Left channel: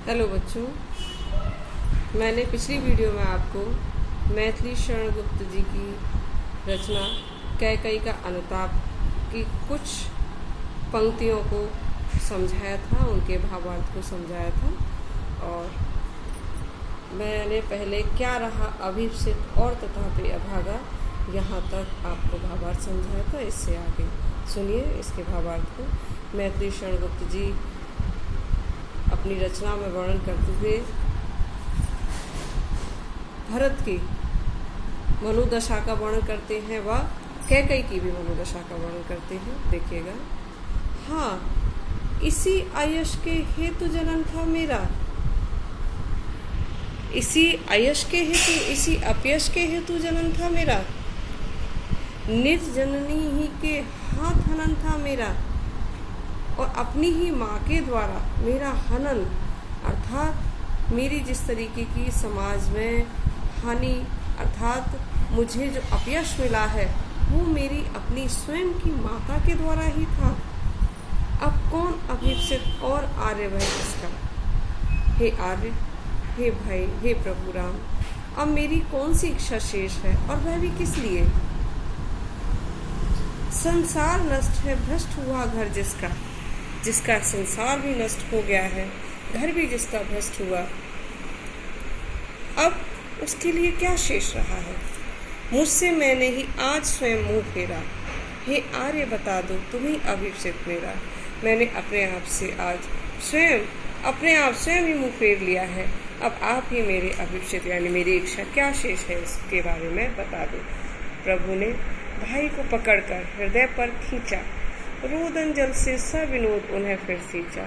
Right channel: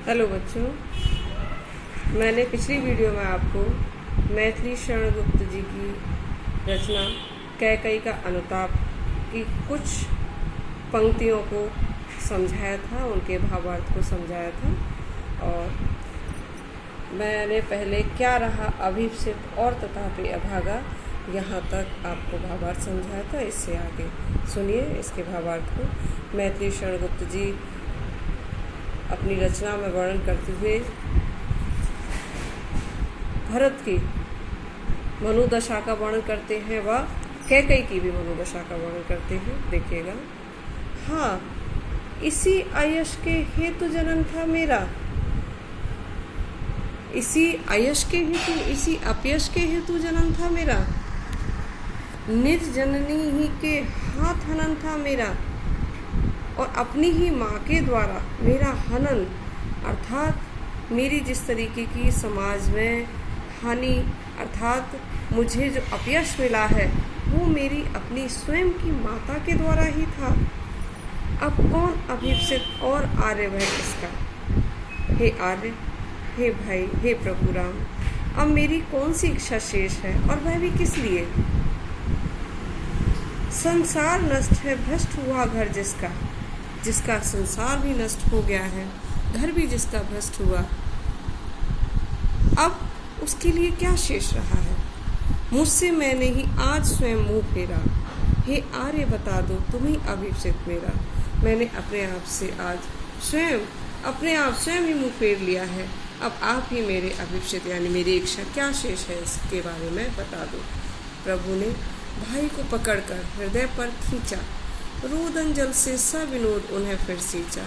Hello बच्चों, मैंने पिछली वीडियो में आपको मैथिली शरण गुप्त जी की रचना कैकई का अनुताप की कुछ पंक्तियों को समझाया था, उनके भावार्थ को समझाया था। और मैंने पहले क्या रहा अभिप्सित और तथापि अभागा, यहाँ तक आपको भावार्थ समझाया था। इससे आगे सुनिए इसके भावार्थ को। मैथिली शरण गुप्त जी अपनी रचना में वर्णन करते हुए भरत की मनोदशा का वर्णन करते हैं व कैकई की भी मनोदशा का वर्णन करते हैं। देखिएगा। हाँ, इसी आयश के हेतु जन्म था मेरा, इसी आयश के हेतु, इसी अपयश के हेतु जन्म था मेरा, निज जननी ही के हाथ हनन था मेरा, और अपनी ही माँ के द्वारा मेरा हनन, अर्थात मेरी जिस तरीके की समाज में हानि अर्थात मुझे जो अपयश मिला है वो मेरी अपनी स्वयं की माता के द्वारा ही था। अब कौन अभिप्सित और आर्य वह किसका? हे आर्य, हे भाई, हे प्रभु राम, अब मेरी कौन सी इच्छा शेष है, और वह भी किस लिए? संसार नष्ट है, भ्रष्ट हुआ घर जिसका, जिसका संसार भी नष्ट हो गया है, घर भी जिसका भ्रष्ट हुआ, अब उसके लिए क्या शेष रहा है? मुझसे मैंने ही आज स्वयं मुंह फेरा, हे आर्य बता दो तुम ही अभिप्सित मेरा। मैंने अपने आप से आज अपने आप स्वयं ही मुंह फेर लिया है, अब आप ही मेरे अभिप्सित यानी मेरी इच्छा क्या शेष है इसके बारे में बता दो। प्रभु ने भाई को पकड़कर हृदय पर खींचा, रोदन जल से सविनोद उन्हें फिर सींचा।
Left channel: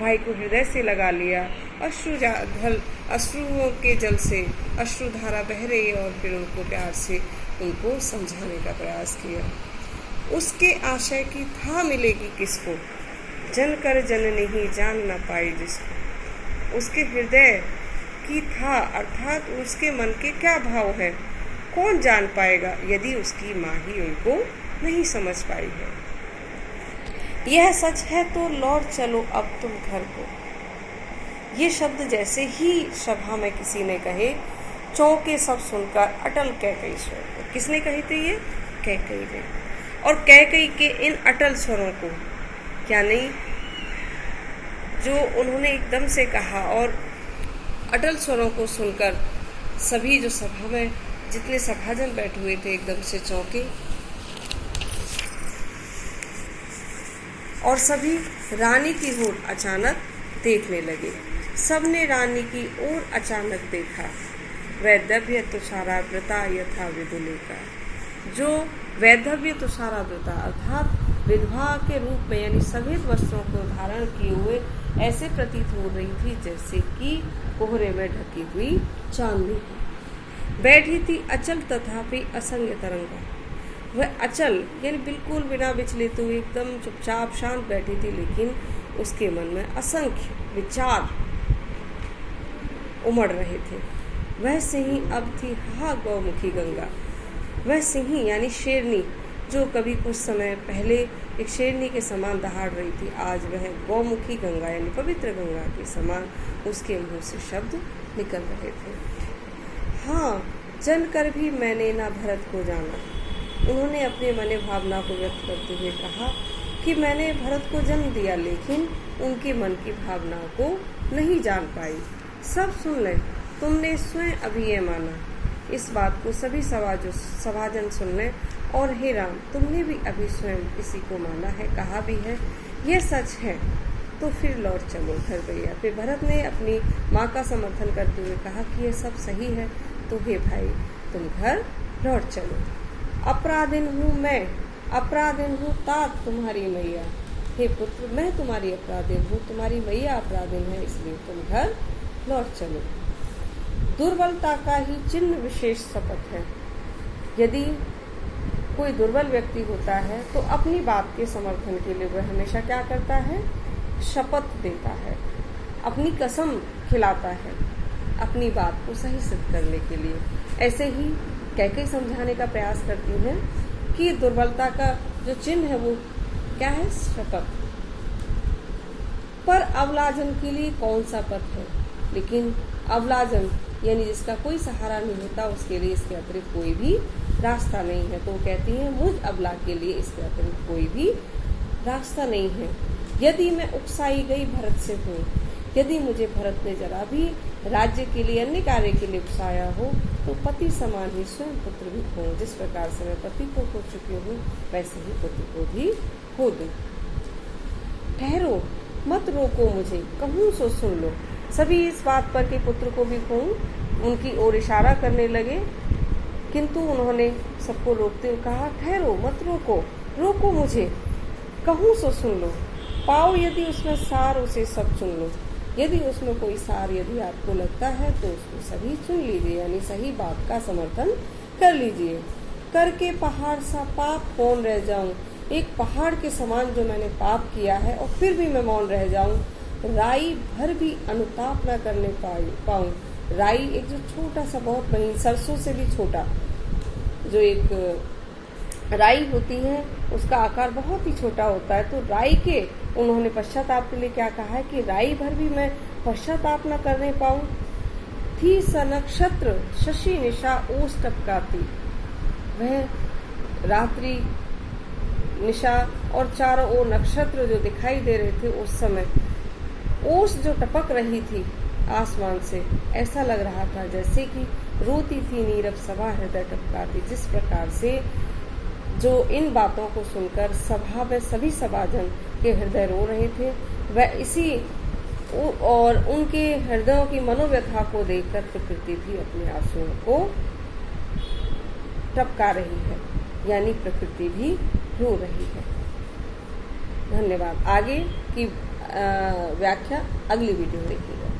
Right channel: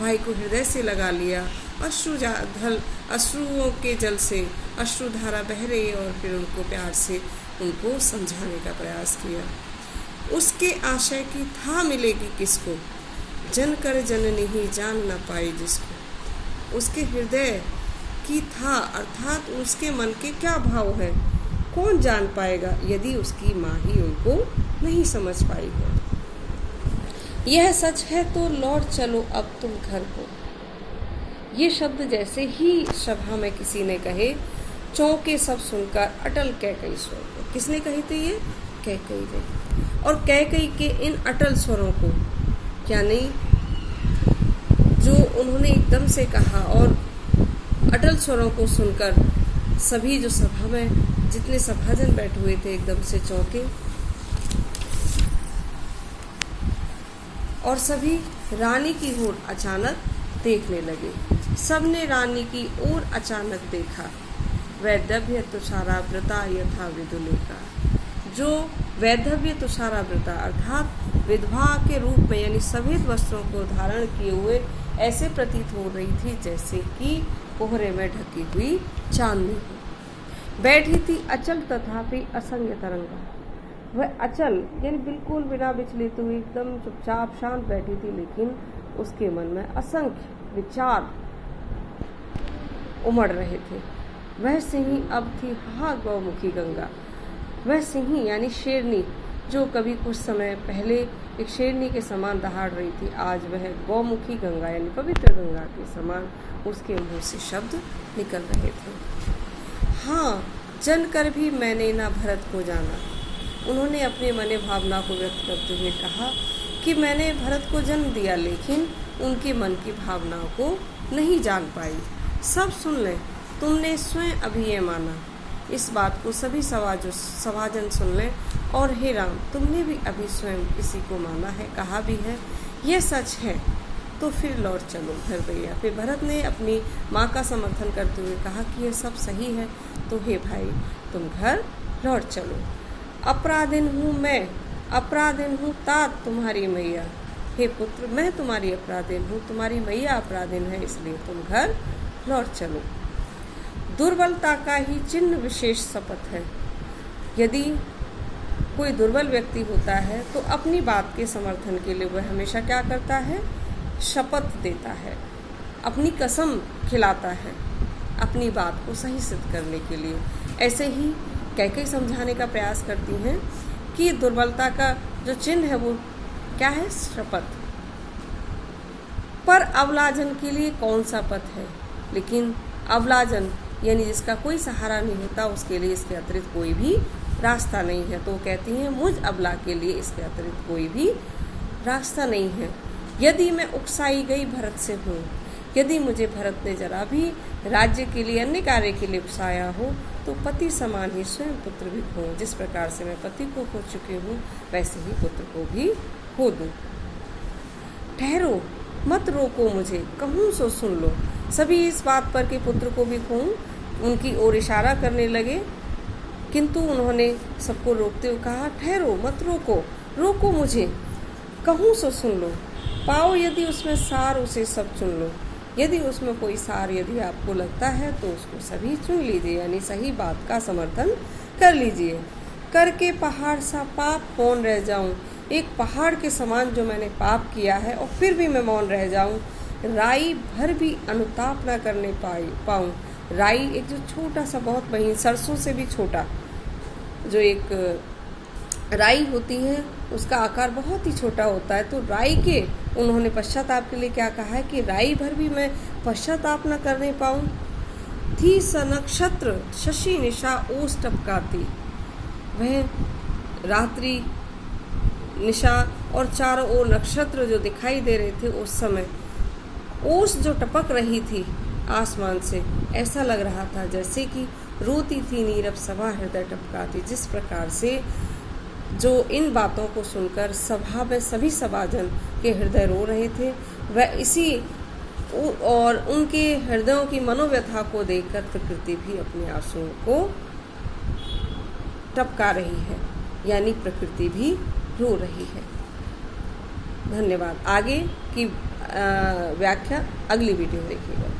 भाई को हृदय से लगा लिया, अश्रुओं के जल से अश्रुधारा बह रही और फिर उनको प्यार से उनको समझाने का प्रयास किया। उसके आशय की था मिलेगी किसको, जन कर जननी ही जान न पाई जिसको। उसके हृदय की था अर्थात उसके मन के क्या भाव है, कौन जान पाएगा यदि उसकी माँ ही उनको नहीं समझ पाई है। यह सच है तो लौट चलो अब तुम घर को। ये शब्द जैसे ही सभा में किसी ने कहे, चौंके सब सुनकर अटल कैकई स्वर। किसने कहे थे ये? कैकई ने। और कैकई के इन अटल स्वरों को क्या नहीं, जो उन्होंने एकदम से कहा, और अटल स्वरों को सुनकर सभी जो सभा में जितने सभाजन बैठे हुए थे एकदम से चौंके, और सभी रानी की ओर अचानक देखने लगे। सबने रानी की ओर अचानक देखा। वैधव्य तुषारा व्रता यथा विदुलेखा, जो वैधव्य तुषारा व्रता अर्थात विधवा के रूप में यानी सफेद वस्त्रों को धारण किए हुए ऐसे प्रतीत हो रही थी जैसे कि कोहरे में ढकी हुई चांदनी बैठी थी। अचल तथापि असंग तरंगा, वह अचल यानी बिल्कुल बिना विचलित हुई एकदम चुपचाप शांत बैठी थी, लेकिन उसके मन में असंख्य विचार उमड़ रहे थे। वह सिंही अब थी हा गौमुखी गंगा, वह सिंही यानी शेरनी जो कभी कुछ समय पहले एक शेरनी के समान दहाड़ रही थी, आज वह गौमुखी गंगा यानी पवित्र गंगा के समान उसके मुंह से शब्द निकल रहे थे। हाँ, जन कर भी मैंने ना भरत को जाना। उन्होंने अपने मन भावना को व्यक्त करते हुए कहा कि मैंने भरत को जन्म दिया, लेकिन उनके मन की भावनाओं को नहीं जान पाई। सब सुन लें, तुमने स्वयं अभी ये माना, इस बात को सभी सभाजन सुन लें, और हे राम, तुमने भी अभी स्वयं इसी को माना है, कहा भी है, ये सच है तो फिर लौट चलो घर भैया। फिर भरत ने अपनी माँ का समर्थन करते हुए कहा कि ये सब सही है, तो हे भाई तुम घर लौट चलो। अपराधिन हूँ मैं, अपराधिन हूँ तात तुम्हारी मैया। हे पुत्र, मैं तुम्हारी अपराधिन हूँ, तुम्हारी मैया अपराधिन है, इसलिए तुम घर लौट चलो। दुर्बलता का ही चिन्ह विशेष शपथ है। यदि कोई दुर्बल व्यक्ति होता है तो अपनी बात के समर्थन के लिए वह हमेशा क्या करता है? शपथ देता है, अपनी कसम खिलाता है अपनी बात को सही सिद्ध करने के लिए। ऐसे ही कैकई समझाने का प्रयास करती हैं कि दुर्बलता का जो चिन्ह है वो क्या है? शपथ। पर अवलाजन के लिए कौन सा पथ है? लेकिन अवलाजन यानी जिसका कोई सहारा नहीं होता, उसके लिए इसके अतिरिक्त कोई भी रास्ता नहीं है। तो कहती हैं मुझ अबला के लिए इसके अतिरिक्त कोई भी रास्ता नहीं है। यदि मैं उकसाई गई भरत से हूँ, यदि मुझे भरत ने जरा भी राज्य के लिए, अन्य कार्य के लिए उकसाया हो, तो पति समान ही स्वयं पुत्र भी खो। जिस प्रकार से मैं पति को खो चुकी हूँ, वैसे ही पुत्र को भी खो दूँ। ठहरो, मत रोको मुझे, कहूँ सो सुन लो। सभी इस बात पर कि पुत्र को भी खोऊं उनकी ओर इशारा करने लगे, किंतु उन्होंने सबको रोकते हुए कहा, ठहरो, मत रोको, रोको मुझे, कहूँ सो सुन लो। पाओ यदि उसमें सार, उसे सब चुन लो। यदि उसमें कोई सार यदि आपको लगता है तो उसको सभी चुन लीजिए, यानी सही बात का समर्थन कर लीजिए। करके पहाड़ सा पाप कौन रह जाऊं, एक पहाड़ के समान जो मैंने पाप किया है और फिर भी मैं मौन रह जाऊं। राई भर भी अनुताप न करने पाऊं। राई एक जो छोटा सा, बहुत महीन, सरसों से भी छोटा जो एक राई होती है, उसका आकार बहुत ही छोटा होता है। तो राई के उन्होंने पश्चाताप के लिए क्या कहा है कि राई भर भी मैं पश्चाताप न करने पाऊं। थी सनक्षत्र शशि निशा ओस टपकाती। वह रात्रि, निशा और चारों ओर नक्षत्र जो दिखाई दे रहे थे, उस समय ओस जो टपक रही थी आसमान से, ऐसा लग रहा था जैसे कि रोती थी नीरव सभा हृदय टपकाती। जिस प्रकार से जो इन बातों को सुनकर सभा में सभी सभाजन के हृदय रो रहे थे, वह इसी और उनके हृदयों की मनोव्यथा को देखकर प्रकृति भी अपने आंसुओं को टपका रही है, यानी प्रकृति भी रो रही है। धन्यवाद। आगे की व्याख्या अगली वीडियो में देखिएगा।